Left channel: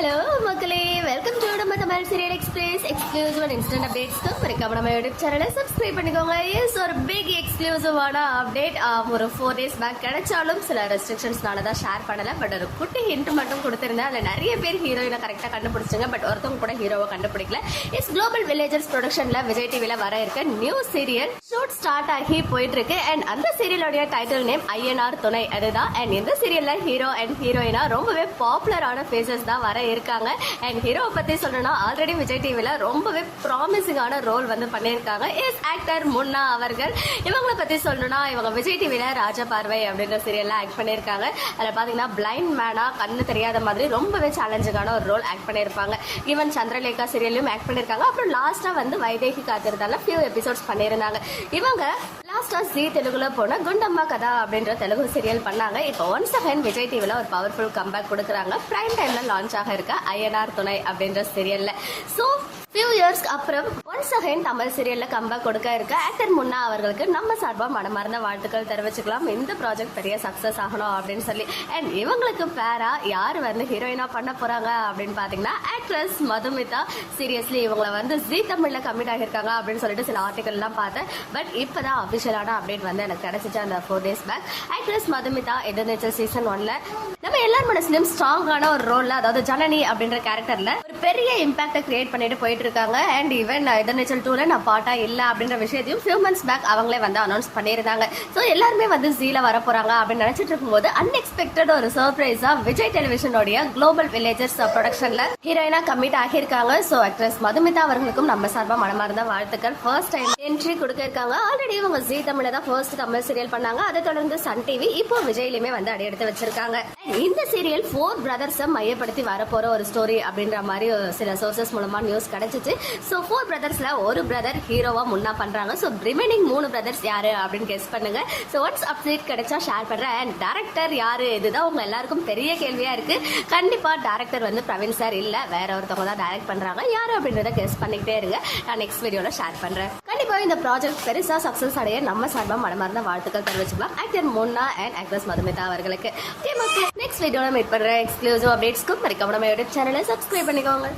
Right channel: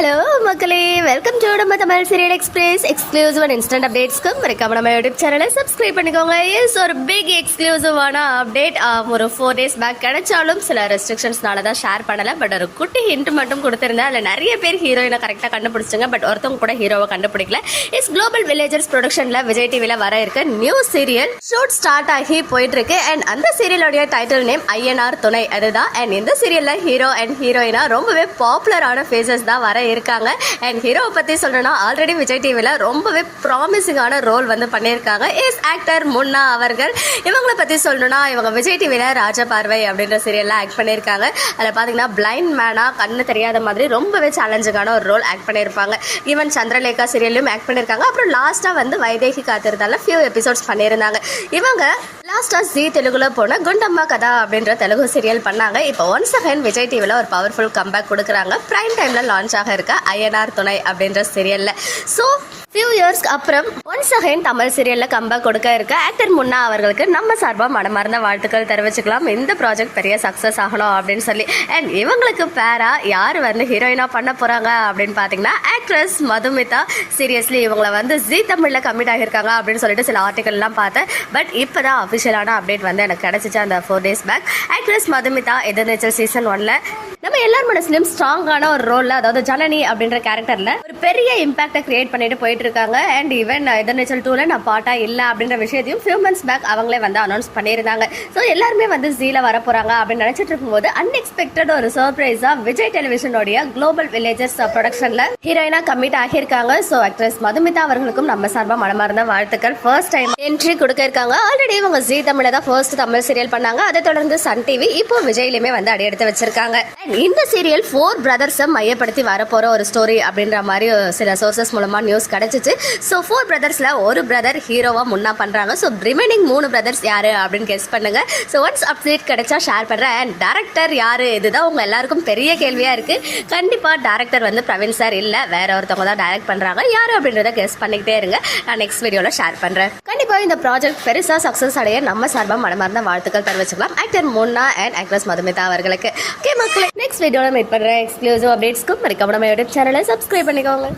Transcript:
Hello மக்களே, welcome to நம்ம Tamil serial express exclusive and instant அப்டேட்ஸ்க்கு மறக்காம நம்ம யூடியூப் சேனலை சப்ஸ்கிரைப் பண்ணிக்கோங்க. எஸ், ஒரு பிக் எக்ஸ்க்ளூசிவான அப்டேட் ஒரு 4 days பேக் கிடைச்சாலும் சில ரெஸ்ட்ரிக்ஷன்ஸ்னால தான் ஷேர் பண்ணலை. பட் ஒரு குட்டி ஹிண்ட் மட்டும் கொடுத்துருந்தேன். அதில் நிறைய பேர் ஹீரோயினை கரெக்டாக கண்டுபிடிச்சிங்க. பட் ஒருத்தவங்க கூட ஹீரோவை கண்டுபிடிக்கல. இஸ் குளோபல் வில்லேஜர்ஸ் ப்ரொடக்ஷனில் விஜய் டிவியில் வர இருக்க நியூ சீரியல் ஷூட் ஸ்டார்ட் ஆகி போயிட்டு இருக்கு. அண்ட் அந்த சீரியலோடைய டைட்டில் நேம் ஐஎன்ஆர் துணை, அதுதான். அண்ட் இந்த சீரியலில் ஹீரோ அண்ட் ஹீரோயினா ரொம்பவே பாப்புலரான ஃபேஸஸ் தான் வர இருக்காங்க. அண்ட் ஹீரோவை பற்றி சொல்லணும்னா ஆல்ரெடி விஜய் டிவியில் ரொம்பவே ப்ராமிசிங்கான ரோல் வந்து பண்ணியிருக்காங்க. இஸ் ஆக்டர் முன்னா அவர்கள். இவங்களை பற்றி சொல்லணும்னா இவங்க விஜய் டிவியில் ராஜபார்வை அப்படின்ற சீரியலில் ஆக்ட் பண்ணியிருக்காங்க. அதில் பார்த்தீங்கன்னா பிளைண்ட் மேனாக கண்ணு தெரியாத மாதிரி ரொம்பவே சேலஞ்சிங்கான ஒரு ரோல் ஆக்ட் பண்ணியிருப்பாங்க. ஈவன் சந்திரலேகா சீரியல்லையும் ஆக்ட் பண்ணியிருக்காங்க. அப்புறம் லாஸ்ட்டாக வந்து வைதேகி காத்திருந்தால ஃபியூ எபிசோட்ஸ் பண்ணியிருந்தாங்க. இவங்க லாஸ்ட்டாக ஜி தெலுங்குல போன குண்டம்மா கதா அப்படின்ற தெலுங்கு சீரியல் பண்ணாங்க. இப்போ ஒன்ஸ் அகைன் விஜய் டிவியில் ஒரு பவர்ஃபுல் கம்பேக் கொடுக்குறாங்க. பிரைம் டைமில் லான்ச் ஆக இருக்க ஐஎன்ஆர் துணை அப்படின்ற சீரியலில். ஸோ ஃபியூ இயர்ஸ்க்கு அப்புறம் ஒன்ஸ் அகைன் தமிழ் சீரியலில் கம்பேக் கொடுக்க இருக்க ஆக்டர் முன்னா அவர்களுக்கு நம்ம சார்பாக மனமார்ந்த வாழ்த்துக்கள் தெரிவிச்சுக்கலாம். இந்த ப்ராஜெக்ட் பெரிய சக்ஸஸ் ஆகணும் அப்படின்னு சொல்லி. அண்ட் இவங்களுக்கு பேரா யார் வந்து ஹீரோயினாக பண்ண போகிறாங்க அப்படின்னு பார்த்தீங்கன்னா ஆக்ட்ரஸ் மதுமிதா. சீரியஸ்லி இவங்களை வந்து ஜி தமிழில் கமிட் ஆகியிருக்காங்க அப்படின்னு சொல்லிட்டு சில ஆர்டிக்கல்லாம் பார்த்தேன். பட் இப்போ தான் அஃபிஷியலான அப்டேட் வந்து எனக்கு கிடச்சிச்சு அந்த 4 days பேக். ஆக்ட்ரஸ் மதுமிதா எதிர்நீச்சல் சீசன் 1ல் நம்ம எல்லார் மனசுலையும் ஸ்ட்ராங்கான ஒரு ரோலில், அதாவது ஜனனி அப்படின்ற கேரக்டரில் ஒரு பெரிய இம்பாக்டை கிரியேட் பண்ணிட்டு போயிட்டு இருக்காங்க. அண்ட் ஈவன் எதிர்நீச்சல் 2ல நான் பாட்டா இல்லை அப்படின்ற விஷயத்தையும் ஃபியூ மந்த்ஸ் பேக் அவங்களே வந்து அனௌன்ஸ் பண்ணியிருந்தாங்க. ஸோ எல்லாருமே வந்து ஜீல வர போறாங்க அப்படின்னு நினைச்சிட்டு இருக்கும்போது அன்எக்ஸ்பெக்டட் ஒரு சர்ப்ரைஸா விஜய் டெலிவிஷனோடைய குளோபல் வில்லேஜர்ஸ் ப்ரொடக்ஷன்ல ஹீரோயினா கமிட் ஆகியிருக்காங்க. ஸோ ஆக்ட்ரஸ் மதுமிதா அவர்களுக்கும் நம்ம சார்பா மனமார்ந்த வாழ்த்துக்கள். ஃபர்ஸ்ட் டைம் என்ட்ரி கொடுக்க இருக்காங்க. ஆல்ரெடி இவங்க ஜி தமிழ தான் ஃபர்ஸ்ட் தமிழ் சீரியல் பண்ணாங்க. அதை தொடர்ந்து சன் டிவி, இப்போ விஜய்லயுமே வந்து அடி எடுத்து வச்சிருக்காங்க. இந்த சீரியல் 4 brothers மையப்படுத்தி வரப்போற ஒரு ஸ்டோரி அப்படின்ற மாதிரி சில சோர்சஸ் மூலமா நியூஸ் கிடைச்சிச்சு. ஸோ 4 brothersல ஒரு பிரதர் ஹீரோவா முன்னா பண்றாங்க. ஸோ ரிமைனிங் 3 brothers யாரு அப்படின்னு கெஸ் பண்ணுங்க. ஸோ ஒன்ஸ் அப்டேட் கிடைச்சா ஷேர் பண்றேன். அண்ட் டேரக்டர் யாரு, இதுதான் உங்க எல்லாருக்கும் பெரிய கேள்வியா இருக்கு. கண்டிப்பா டேரக்டர் வந்து பிரவீன் சார் இல்ல, வேற ஒருத்தவங்க தான் டைரக்ட் பண்றாங்க. யாரு அப்படின்றத கெஸ் பண்ணிக்கிட்டே இருங்க. நான் நெக்ஸ்ட் வீடியோல ஷேர் பண்றேன். கண்டிப்பா இந்த ப்ராஜெக்ட் பெருசா சக்சஸ் அடைய நம்ம சார்பா மனமார்ந்த வாழ்த்துக்கள் தெரிவிச்சுக்கலாம் ஆக்டர் முன்னா அண்ட் ஆக்ட்ரஸ் மதுமிதா அவர்களுக்கு. ஓகே மக்களே, நெக்ஸ்ட் வீடியோல மீட் பண்றேன். எக்ஸ்க்ளூசிவ் அப்டேட்ஸ்க்கு மறக்காம நம்ம யூடியூப் சேனலை சப்ஸ்கிரைப் பண்ணிக்கோங்க.